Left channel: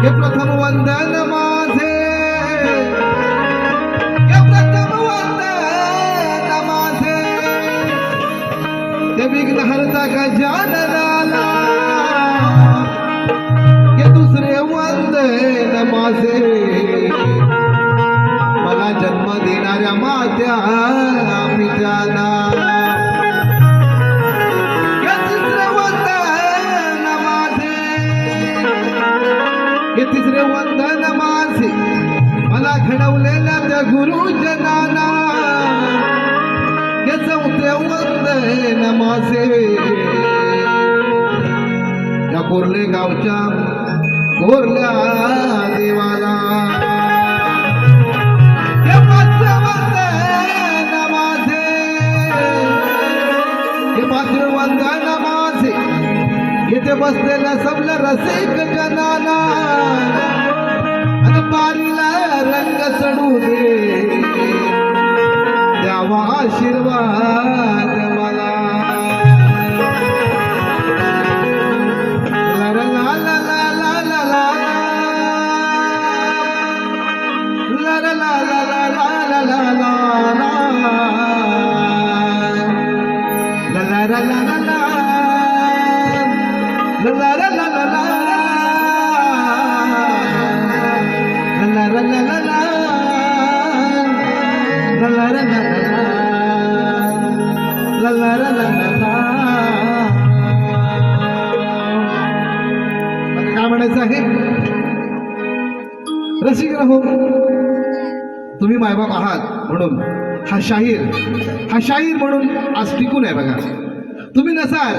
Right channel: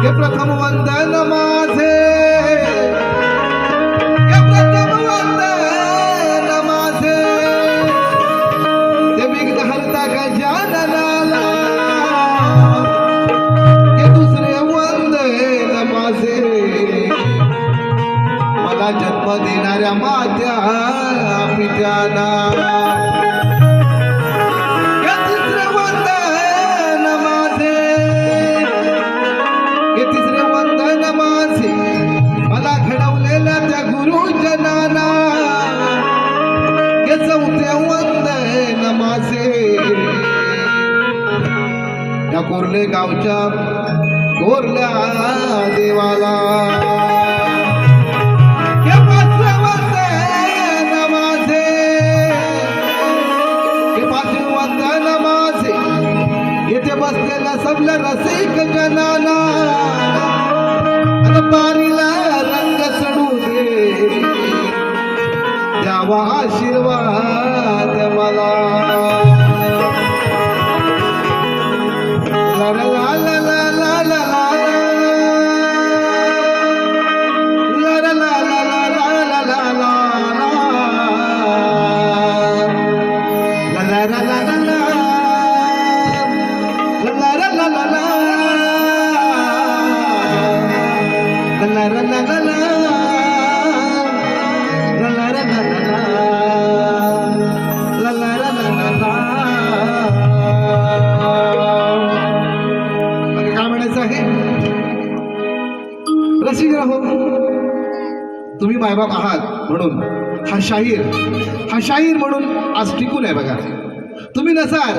એ પ્રથમ વંદન करण्याचं आहे? रसिक राहो. तुम्ही मायबाप आहात म्हणून. हा शाहीर हा शाहीर म्हणून आज टिकून आहे बघा. तुम्ही नसाल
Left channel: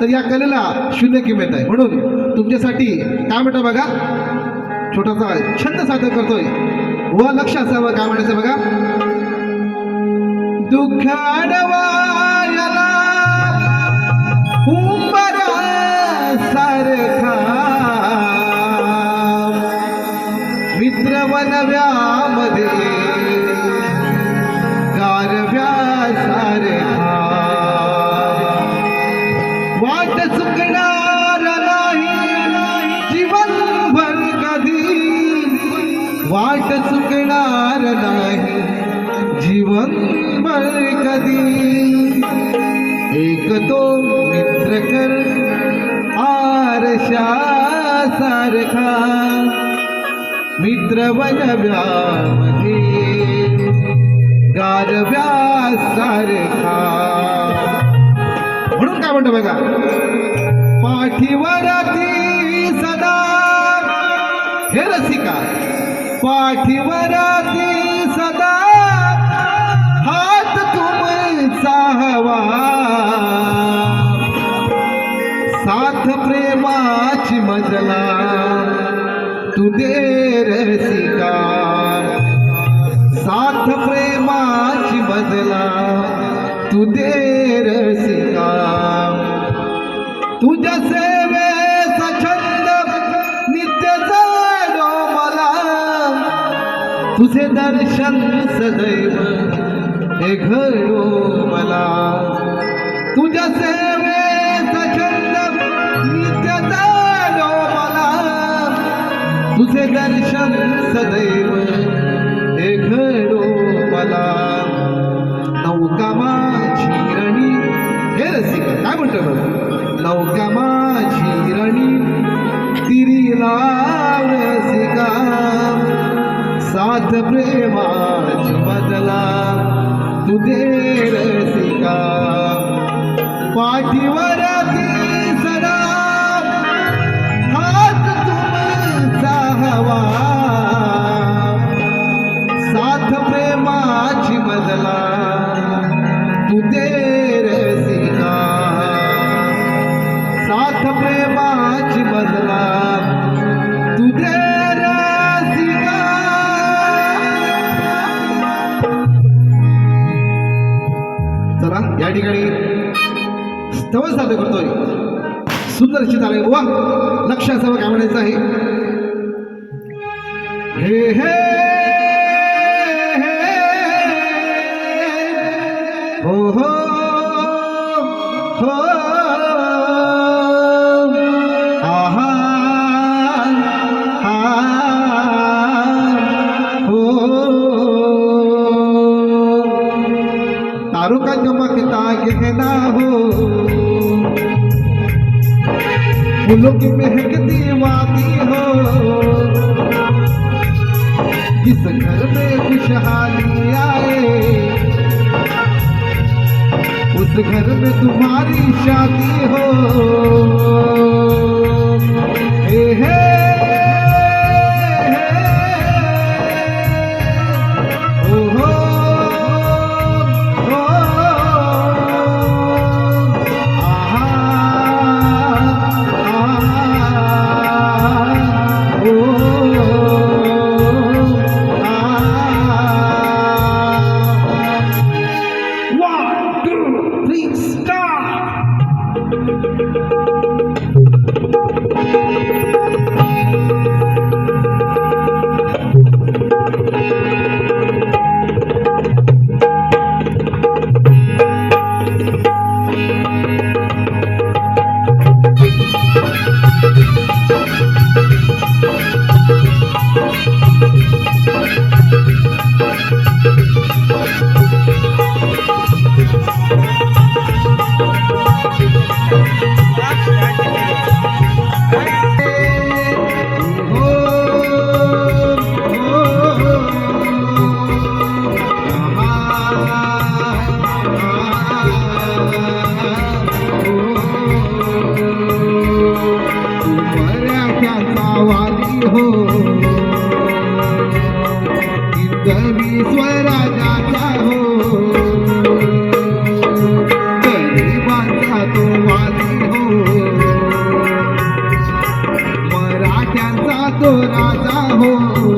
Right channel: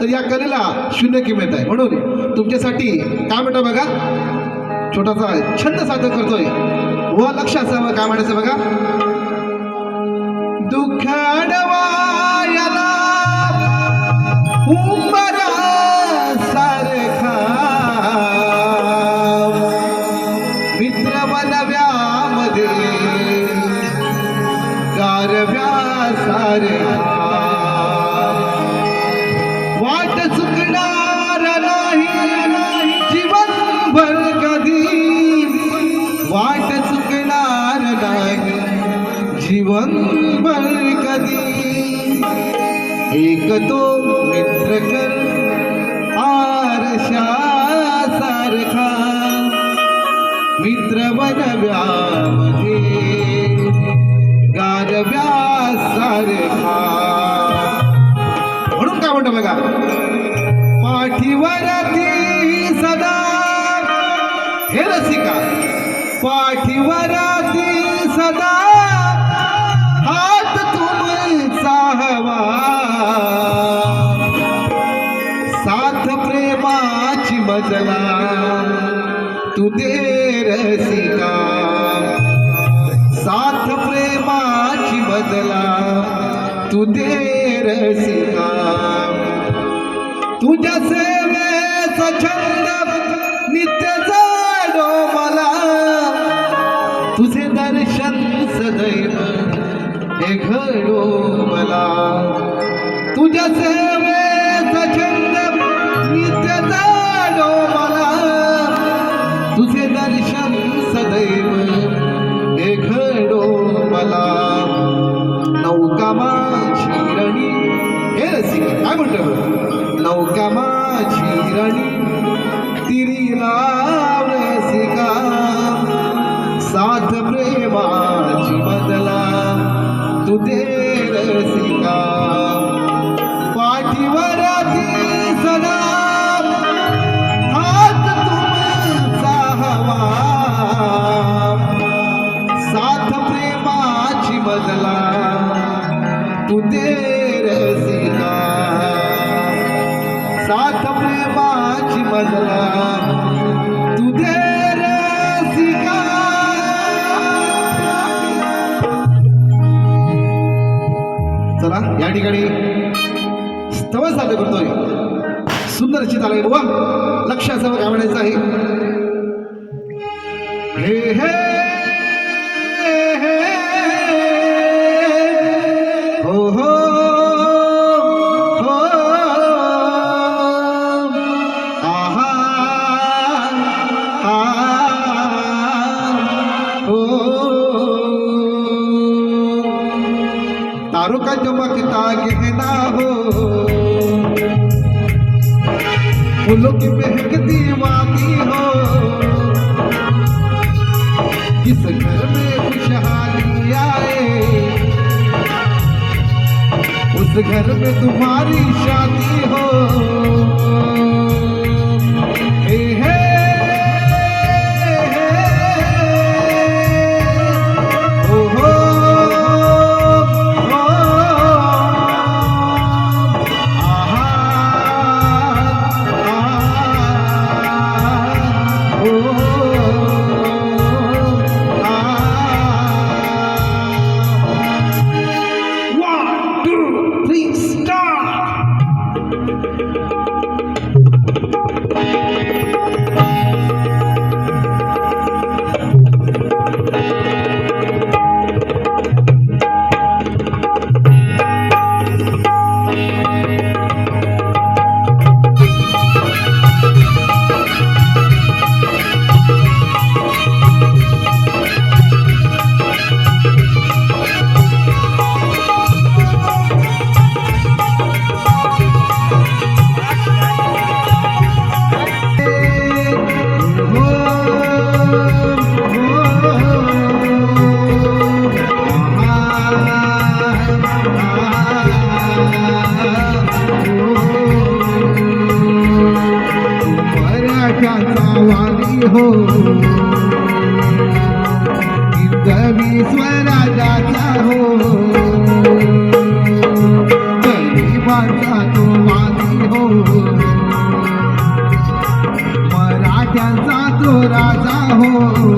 तर या कलेला शून्य किंमत आहे. म्हणून तुमच्यासाठी काय म्हणतो बघा. छोटासा छंद सादर करतोय. व लक्ष असावं काय म्हणायचं बघा? दुःख कधी एक तो मित्र कर आरशा सारखा। मित्र बनव्यामध्ये गारव्या सारखा। म्हणून काय म्हणतो बघा? पाठीवर ती सदा हे रसिका। पाठीवर ती सदा दे रसिका साथ प्रेमाची बदला तू दे रसिका तुझ्या सेवेचा छंद नित्य जाडो मला. तुझे दर्शन सदैव हे घडो मला. तुझ्या सेवेचा तू तेरे सीना साथ प्रेमाची मजला तू चला या ठिकाणी स्तव साध्य करतोय. सुंदर चिताला बुवा. लक्ष असावं काय म्हणायचं आहे. फूलों की महकती वादी हो। किस घर में खुशहाली आए। उस घर में तुम्हारी तो राजा हो.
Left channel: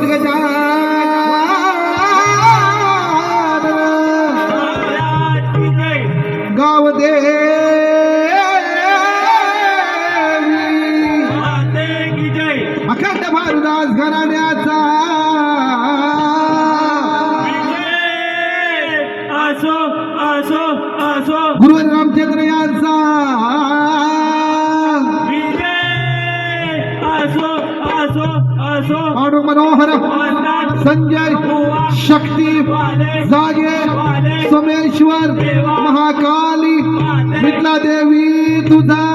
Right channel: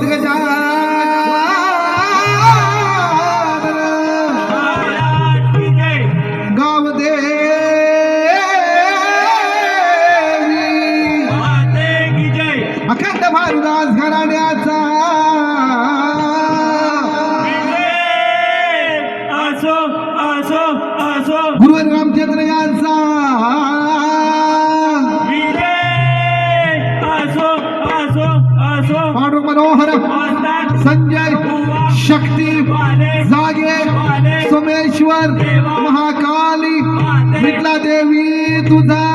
这个家呀 संजय शक्ति जागे सोमेश्वर महाकाली विटला देवी तुझा